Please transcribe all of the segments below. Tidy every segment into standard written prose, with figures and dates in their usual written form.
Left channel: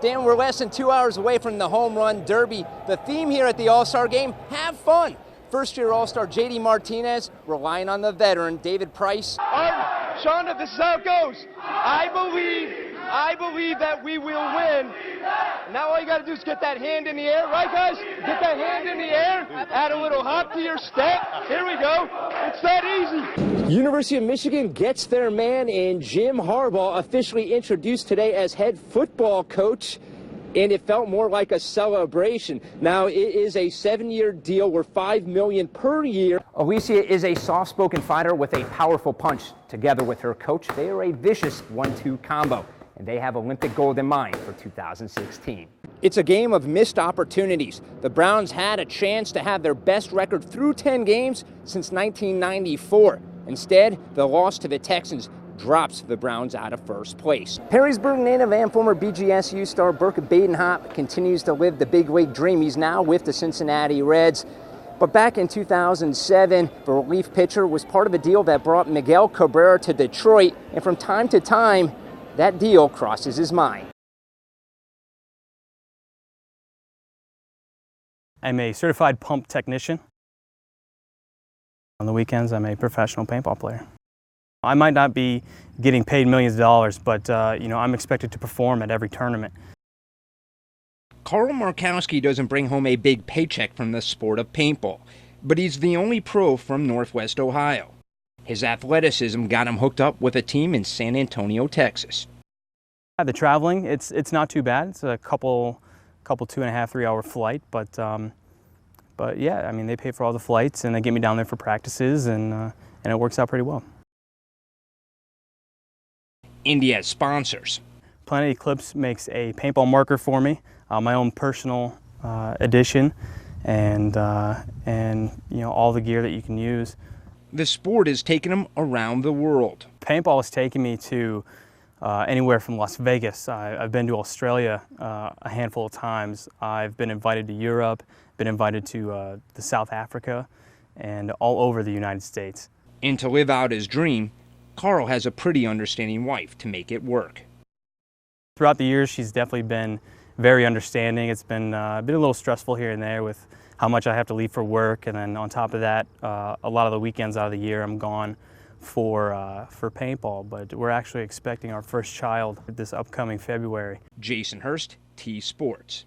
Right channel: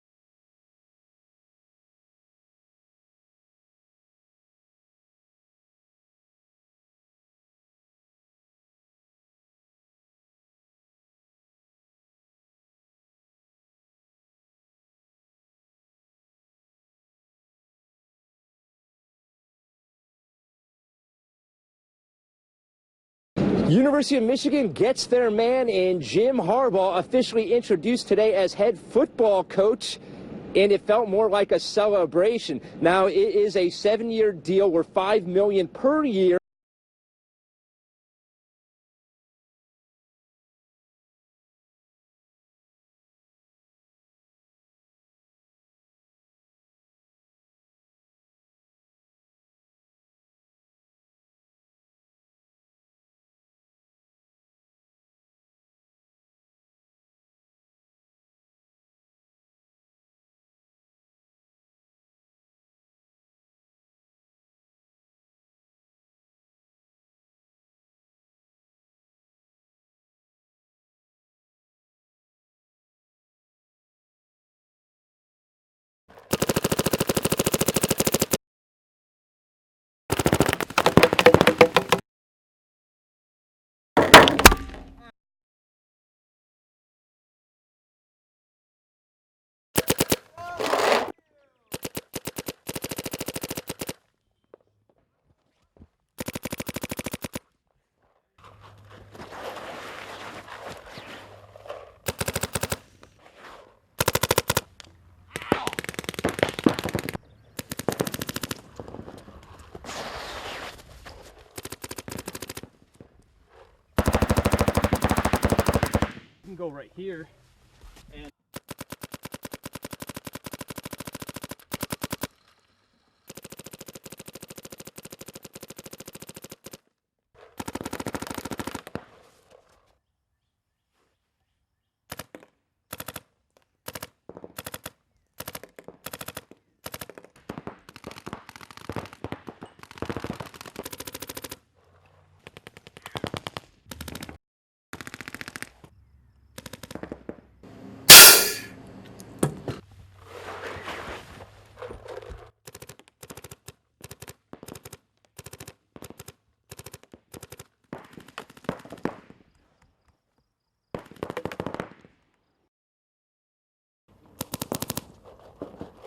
Dan, we're less than 2 hours away from the Home Run Derby. The theme here at the All-Star Game, have fun. First-year All-Star J.D. Martinez relying on the veteran David Price. Shonda, this is how it goes. I believe that we will win. Now all you got to do is get that hand in the air, right, guys? Get that hand in the air, add a little hop to your step. Here we go. It's that easy. University of Michigan gets their man in Jim Harbaugh, officially introduced today as head football coach, and it felt more like a celebration. Now, it is a 7-year deal worth $5 million per year. Alicia is a soft-spoken fighter with a powerful punch. Together with her coach, they are a vicious 1-2 combo, and they have Olympic gold in mind for 2016. It's a game of missed opportunities. The Browns had a chance to have their best record through 10 games since 1994. Instead, the loss to the Texans drops the Browns out of first place. Perrysburg native and former BGSU star Burke Badenhop continues to live the big league dream. He's now with the Cincinnati Reds. But back in 2007, the relief pitcher was part of a deal that brought Miguel Cabrera to Detroit, and from time to time, that deal crosses his mind. I'm a certified pump technician. On the weekends, I'm a professional paintball player. I might not be getting paid millions of dollars, but I'm expected to perform at every tournament. Carl Markowski doesn't bring home a big paycheck from the sport of paintball, but he's the only pro from Northwest Ohio. His athleticism got him hooked up with a team in San Antonio, Texas. The traveling, it's not too bad. It's a couple 2.5, 3 hour flight, but yeah, I mean, they pay for all the flights and they get me down there for practices, and it works out pretty well. India sponsors. Planet Eclipse makes a paintball marker for me, my own personal edition, and all the gear that you can use. The sport has taken him around the world. Paintball has taken me to anywhere from Las Vegas. I've been to Australia a handful of times. I've been invited to Europe, been invited to South Africa, and all over the United States. And to live out his dream, Carl has a pretty understanding wife to make it work. Throughout the years, she's definitely been very understanding. It's been a little stressful here and there with how much I have to leave for work, and then on top of that, a lot of the weekends out of the year I'm gone for paintball. But we're actually expecting our first child this upcoming February. Jason Hurst, T Sports.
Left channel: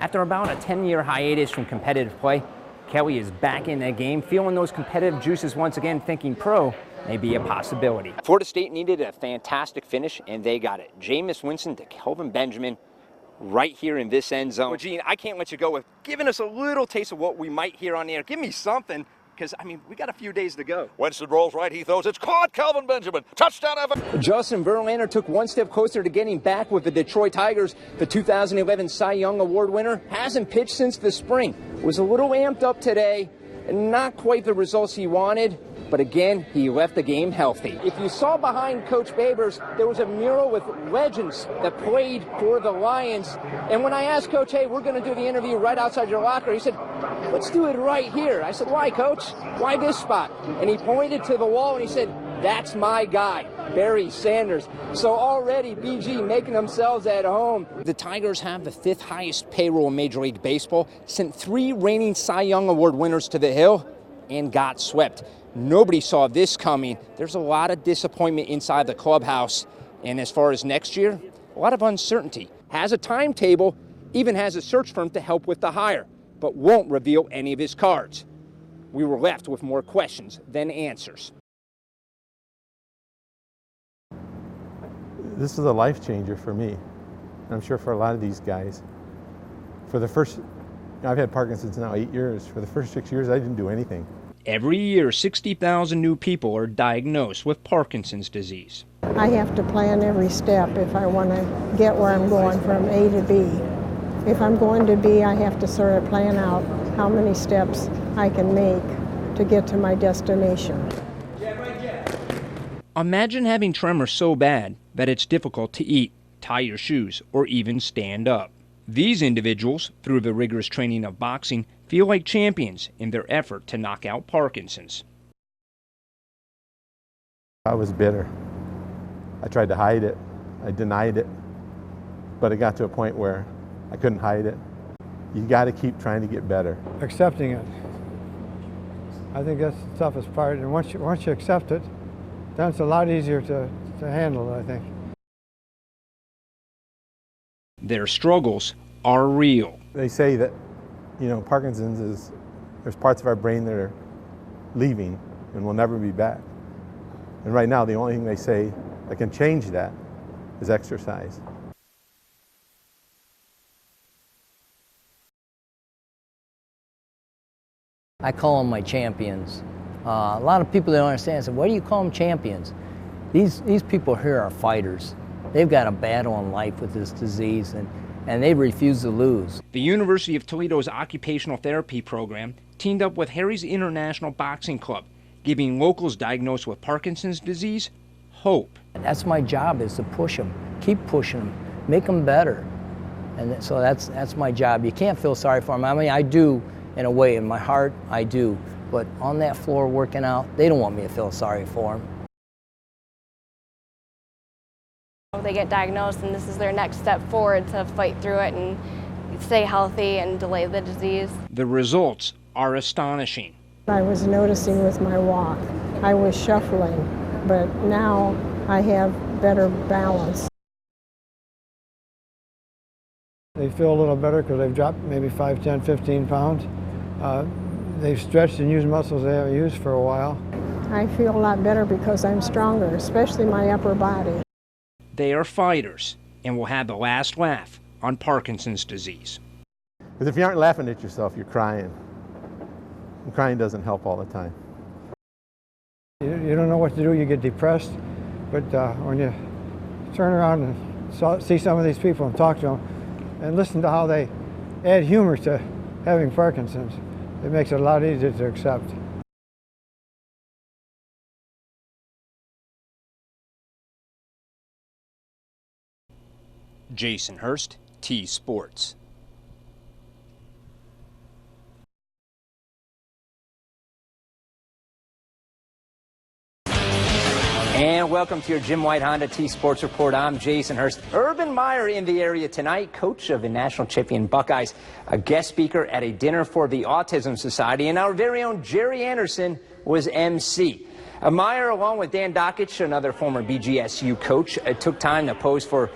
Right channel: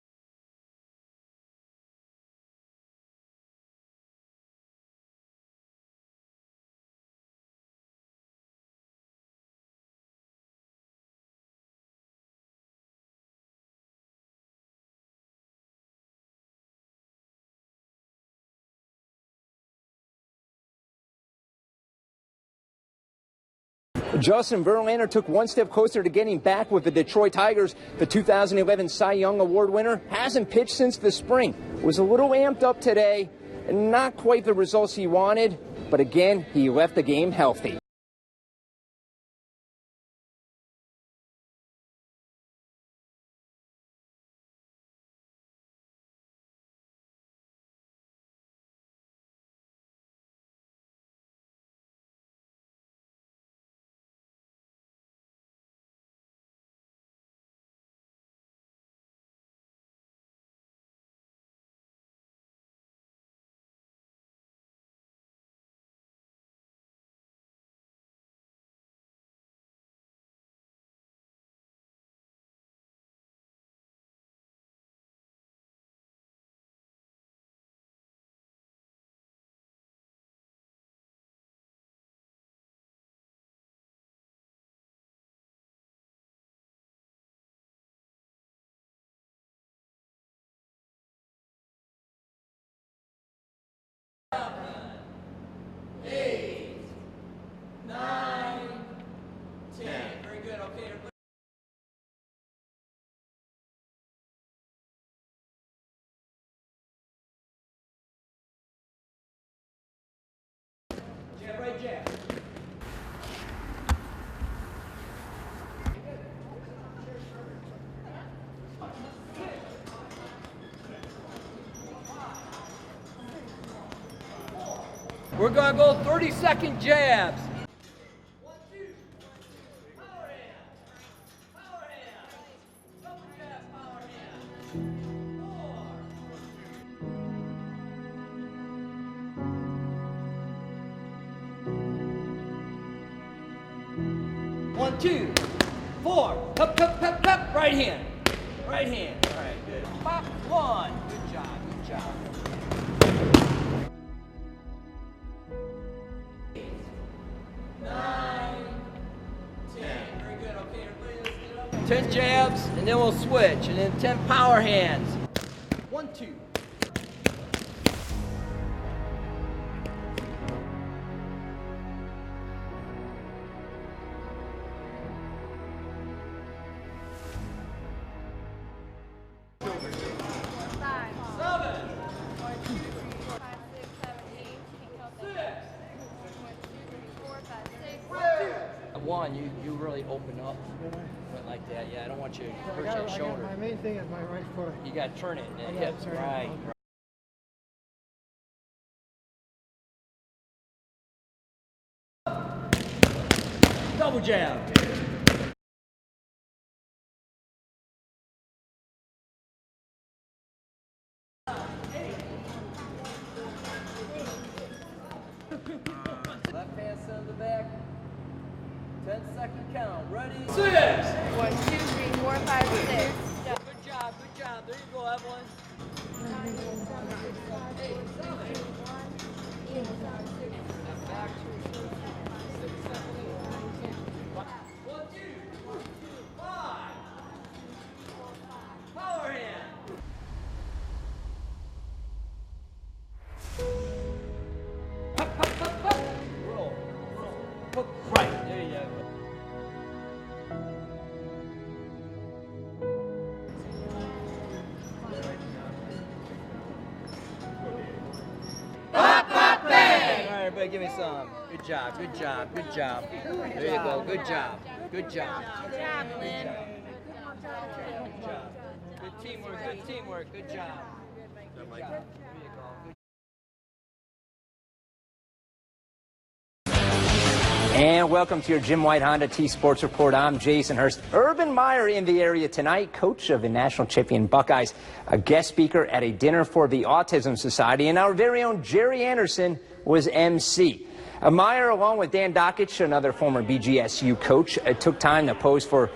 After about a 10-year hiatus from competitive play, Kelly is back in the game, feeling those competitive juices once again, thinking pro may be a possibility. Florida State needed a fantastic finish, and they got it. Jameis Winston to Kelvin Benjamin right here in this end zone. Well, Gene, I can't let you go with giving us a little taste of what we might hear on the air. Give me something, because, I mean, we got a few days to go. Winston rolls right, he throws. It's caught, Kelvin Benjamin. Touchdown, Evan. Justin Verlander took one step closer to getting back with the Detroit Tigers. The 2011 Cy Young Award winner hasn't pitched since the spring. Was a little amped up today, and not quite the results he wanted. But again, he left the game healthy. If you saw behind Coach Babers, there was a mural with legends that played for the Lions. And when I asked Coach, hey, we're going to do the interview right outside your locker, he said, let's do it right here. I said, why, Coach? Why this spot? And he pointed to the wall and he said, that's my guy, Barry Sanders. So already BG making themselves at home. The Tigers have the 5th highest payroll in Major League Baseball, sent 3 reigning Cy Young Award winners to the Hill, and got swept. Nobody saw this coming. There's a lot of disappointment inside the clubhouse. And as far as next year, a lot of uncertainty. Has a timetable, even has a search firm to help with the hire, but won't reveal any of his cards. We were left with more questions than answers. This is a life changer for me. I'm sure for a lot of these guys. For the first, I've had Parkinson's now 8 years. For the first 6 years, I didn't do anything. Every year, 60,000 new people are diagnosed with Parkinson's disease. I have to plan every step if I want to get where I'm going from A to B. If I'm going to B, I have to sort of plan out how many steps I can make to get to my destination. Imagine having tremors so bad that it's difficult to eat, tie your shoes, or even stand up. These individuals, through the rigorous training of boxing, feel like champions in their effort to knock out Parkinson's. We're going to go 30-second jabs. I was bitter. I tried to hide it. I denied it. But it got to a point where I couldn't hide it. You got to keep trying to get better. Accepting it. I think that's the toughest part. And once you accept it, then it's a lot easier to handle, I think. 1, 2, 4, cup, right hand. Their struggles are real. They say that, Parkinson's is, there's parts of our brain that are leaving and will never be back. And right now, the only thing they say that can change that is exercise. 10 jabs, and then we'll switch, and then 10 power hands. 1, 2. I call them my champions. A lot of people don't understand. So why do you call them champions? These people here are fighters. They've got a battle in life with this disease, and they refuse to lose. The University of Toledo's occupational therapy program teamed up with Harry's International Boxing Club, giving locals diagnosed with Parkinson's disease hope. That's my job, is to push them, keep pushing them, make them better. And so that's my job. You can't feel sorry for them. I mean, I do, in a way, in my heart, I do. But on that floor working out, they don't want me to feel sorry for them. Double jab. They get diagnosed, and this is their next step forward to fight through it and stay healthy and delay the disease. The results are astonishing. I was noticing with my walk, I was shuffling, but now I have better balance. 1, 2, 3, 4, 5, 6. They feel a little better because they've dropped maybe 5, 10, 15 pounds. They've stretched and used muscles they haven't used for a while. I feel a lot better because I'm stronger, especially my upper body. They are fighters and will have the last laugh on Parkinson's disease. Because if you aren't laughing at yourself, you're crying. And crying doesn't help all the time. You don't know what to do, you get depressed. But when you turn around and see some of these people and talk to them and listen to how they add humor to having Parkinson's, it makes it a lot easier to accept. All right, everybody, give me some. Good job, good job, good job. There you go, good job, good job. Jason Hurst, T Sports. Good teamwork, good job. And welcome to your Jim White Honda T Sports Report. I'm Jason Hurst. Urban Meyer in the area tonight, coach of the national champion Buckeyes, a guest speaker at a dinner for the Autism Society, and our very own Jerry Anderson was MC. Meyer, along with Dan Dockich, another former BGSU coach, took time to pose for,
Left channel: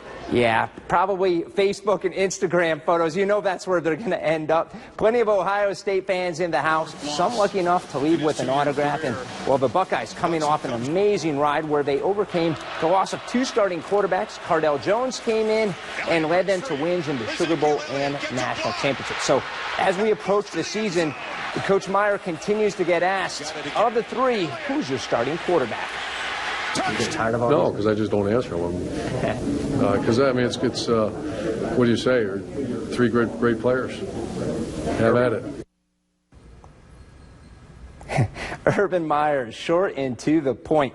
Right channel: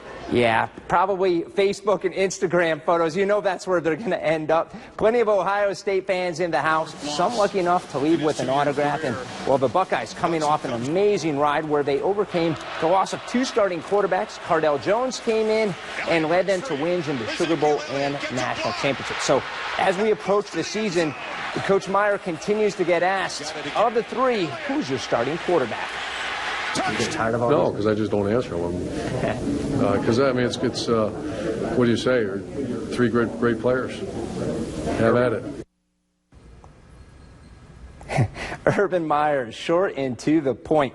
probably Facebook and Instagram photos. You know that's where they're going to end up. Plenty of Ohio State fans in the house, some lucky enough to leave with an autograph. And, well, the Buckeyes coming off an amazing ride where they overcame the loss of 2 starting quarterbacks. Cardell Jones came in and led them to wins in the Sugar Bowl and national championship. So as we approach the season, Coach Meyer continues to get asked, of the 3, who's your starting quarterback? You get tired of all No, because I just don't answer them. Because, I mean, it's what do you say? 3 great players. Have at it. Urban Meyer, short and to the point.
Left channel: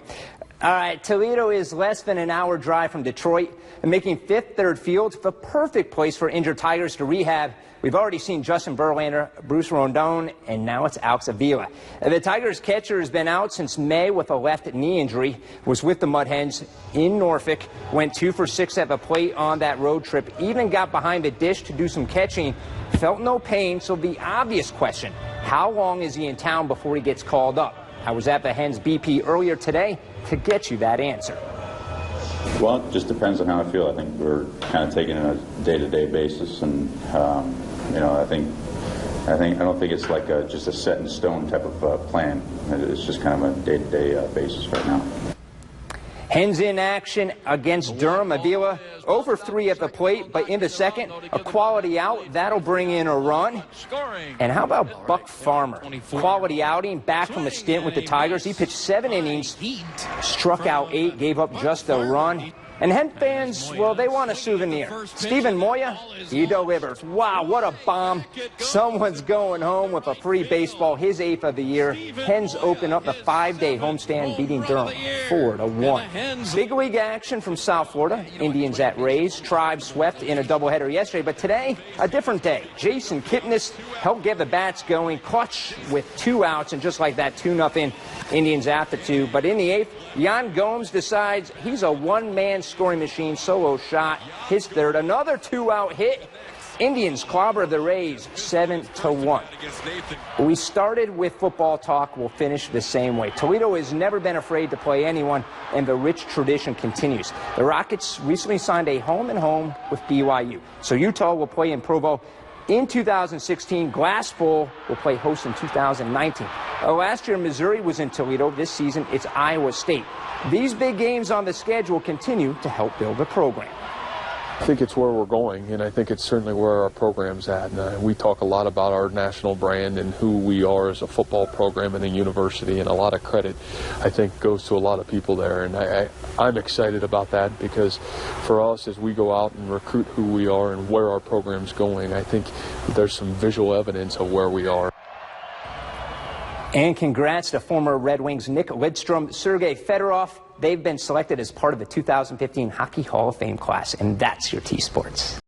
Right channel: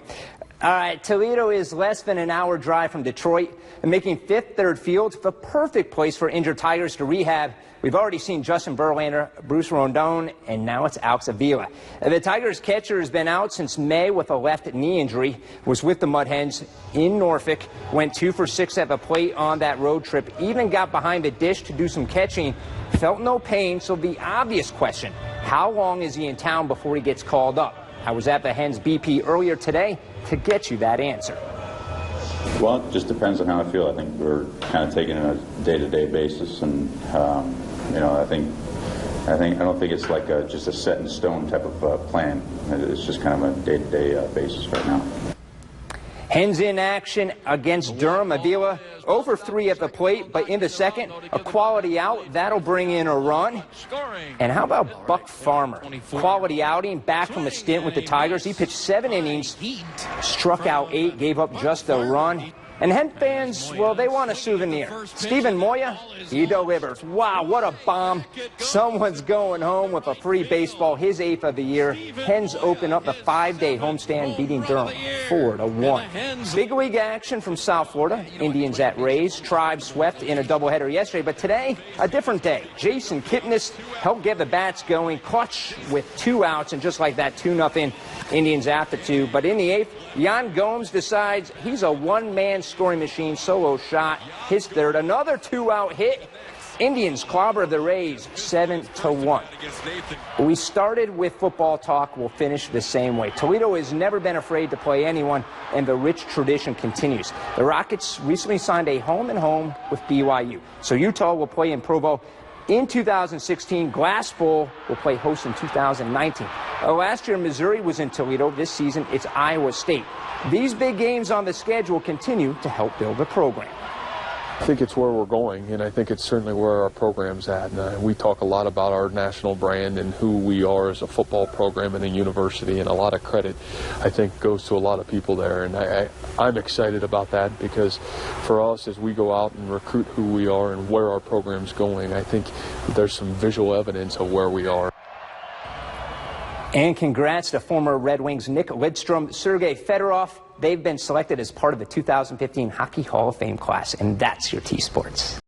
All right, Toledo is less than an hour drive from Detroit, and making Fifth Third Field the perfect place for injured Tigers to rehab. We've already seen Justin Verlander, Bruce Rondon, and now it's Alex Avila. The Tigers catcher has been out since May with a left knee injury, was with the Mud Hens in Norfolk, went 2 for 6 at the plate on that road trip, even got behind the dish to do some catching, felt no pain. So the obvious question, how long is he in town before he gets called up? I was at the Hens BP earlier today to get you that answer. Well, it just depends on how I feel. I think we're kind of taking it on a day-to-day basis, and I don't think it's like just a set in stone type of plan. It's just kind of a day-to-day basis right now. Hens in action against Durham. Avila 0 for 3 at the plate, but in the second, a quality out. That'll bring in a run. And how about Buck Farmer? Quality outing, back from a stint with the Tigers. He pitched 7 innings, struck out 8, gave up just a run. And Hen fans, well, they want a souvenir. Stephen Moya, he delivers. Wow, what a bomb. Someone's going home with a free baseball, his 8th of the year. Hens open up the 5-day homestand, beating Durham 4-1. Big league action from South Florida. Indians at Rays. Tribe swept in a doubleheader yesterday, but today, a different day. Jason Kipnis helped get the bats going, clutch with 2 outs, and just like that, 2-0 Indians after 2. But in the 8th, Yan Gomes decides he's a one-man scoring machine, solo shot, his 3rd, another 2-out hit. Indians clobber the Rays 7-1. We started with football talk. We'll finish the same way. Toledo has never been afraid to play anyone, and the rich tradition continues. The Rockets recently signed a home-and-home with BYU. So Utah will play in Provo in 2016. Glass Bowl will play host in 2019. Last year, Missouri was in Toledo. This season, it's Iowa State. These big games on the schedule continue to help build the program. I think it's where we're going, and I think it's certainly where our program's at. And we talk a lot about our national brand and who we are as a football program and a university, and a lot of credit, I think, goes to a lot of people there. And I'm excited about that, because for us, as we go out and recruit who we are and where our program's going, I think there's some visual evidence of where we are. And congrats to former Red Wings Nick Lidstrom, Sergei Fedorov. They've been selected as part of the 2015 Hockey Hall of Fame class, and that's your T-Sports.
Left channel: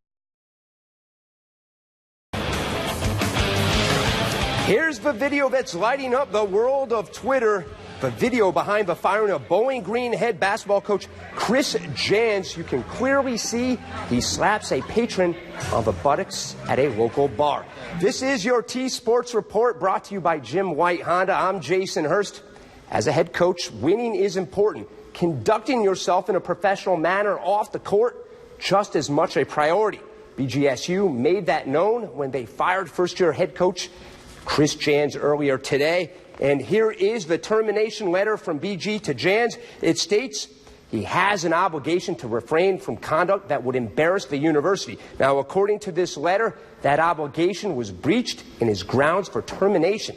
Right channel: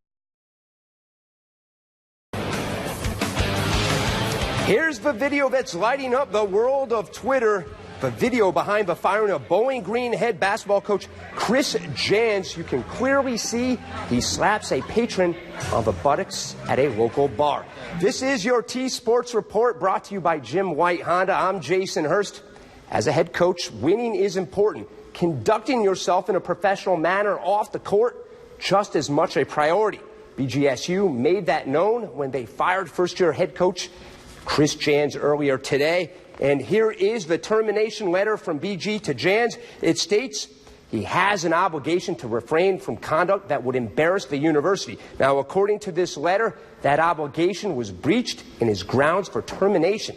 Here's the video that's lighting up the world of Twitter. The video behind the firing of Bowling Green head basketball coach Chris Jans. You can clearly see he slaps a patron on the buttocks at a local bar. This is your T-Sports Report, brought to you by Jim White Honda. I'm Jason Hurst. As a head coach, winning is important. Conducting yourself in a professional manner off the court, just as much a priority. BGSU made that known when they fired first-year head coach Chris Jans earlier today. And here is the termination letter from BG to Jans. It states he has an obligation to refrain from conduct that would embarrass the university. Now, according to this letter, that obligation was breached and is grounds for termination.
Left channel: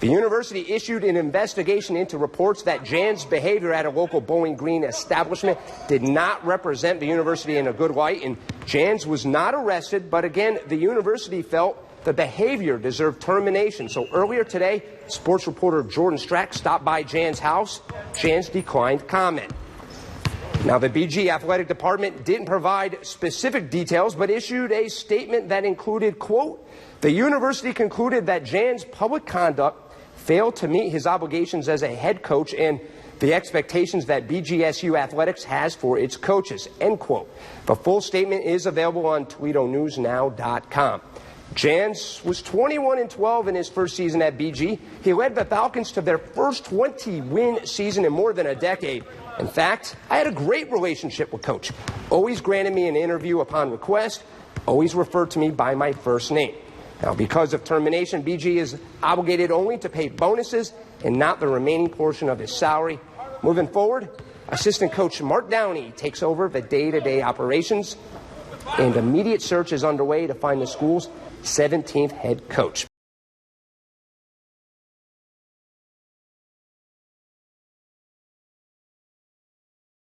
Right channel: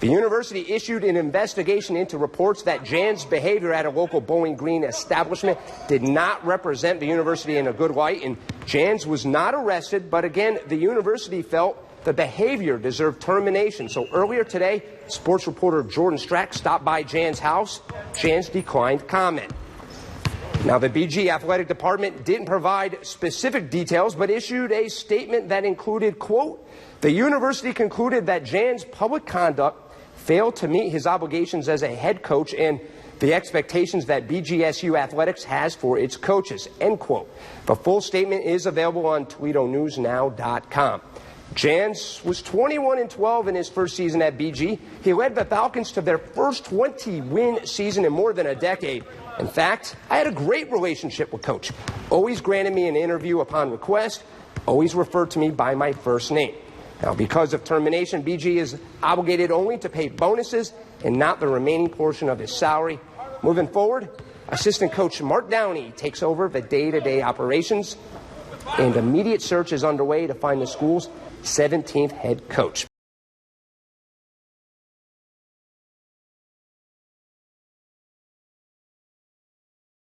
The university issued an investigation into reports that Jans' behavior at a local Bowling Green establishment did not represent the university in a good light, and Jans was not arrested, but again, the university felt the behavior deserved termination. So earlier today, sports reporter Jordan Strack stopped by Jans' house. Jans declined comment. Now, the BG athletic department didn't provide specific details, but issued a statement that included, quote, the university concluded that Jans' public conduct failed to meet his obligations as a head coach and the expectations that BGSU Athletics has for its coaches, end quote. The full statement is available on ToledoNewsNow.com. Jans was 21-12 in his first season at BG. He led the Falcons to their first 20-win season in more than a decade. In fact, I had a great relationship with Coach. Always granted me an interview upon request, always referred to me by my first name. Now, because of termination, BG is obligated only to pay bonuses and not the remaining portion of his salary. Moving forward, assistant coach Mark Downey takes over the day-to-day operations, and immediate search is underway to find the school's 17th head coach.